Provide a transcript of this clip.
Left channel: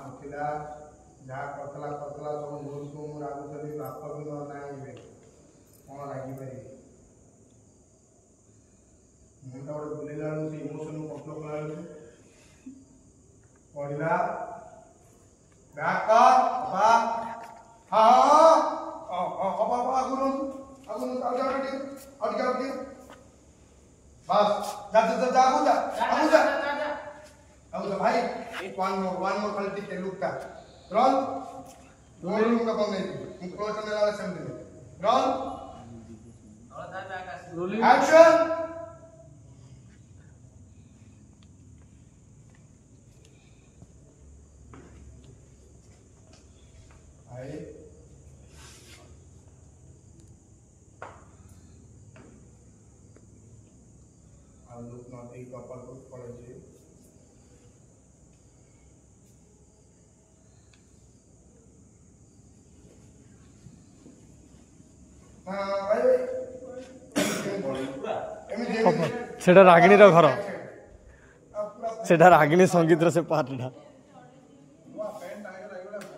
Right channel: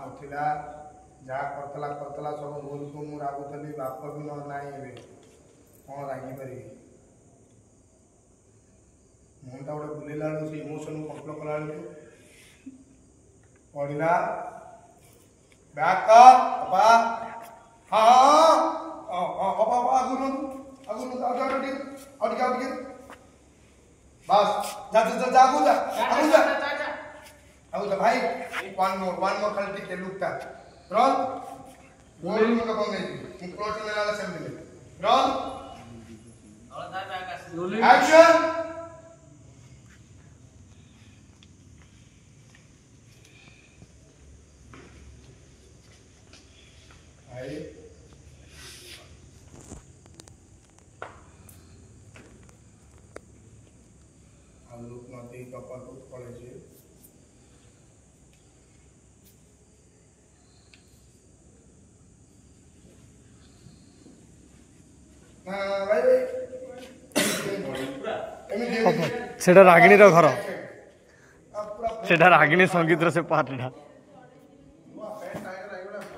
नथिला जहाँ करतला करतला सब भूल को मु रागुतली बाप भी न नाही एबे कौन रागी पारि मुंडा गोटे बुलेला से इमोशन को कंट्रोल कला पड़िला बैक का पापा हां पापा आगुन आगे बस जा जा जा आगु जा भाई वन मोर खाली टिके लुक का रन रोल का बंग नहीं क्लोज में लाला सेम में रन एक्शन आई आलू माती पापा को पड़े छे सेटा रागिणी घर सेटा रागिणी संगीत से पार्ट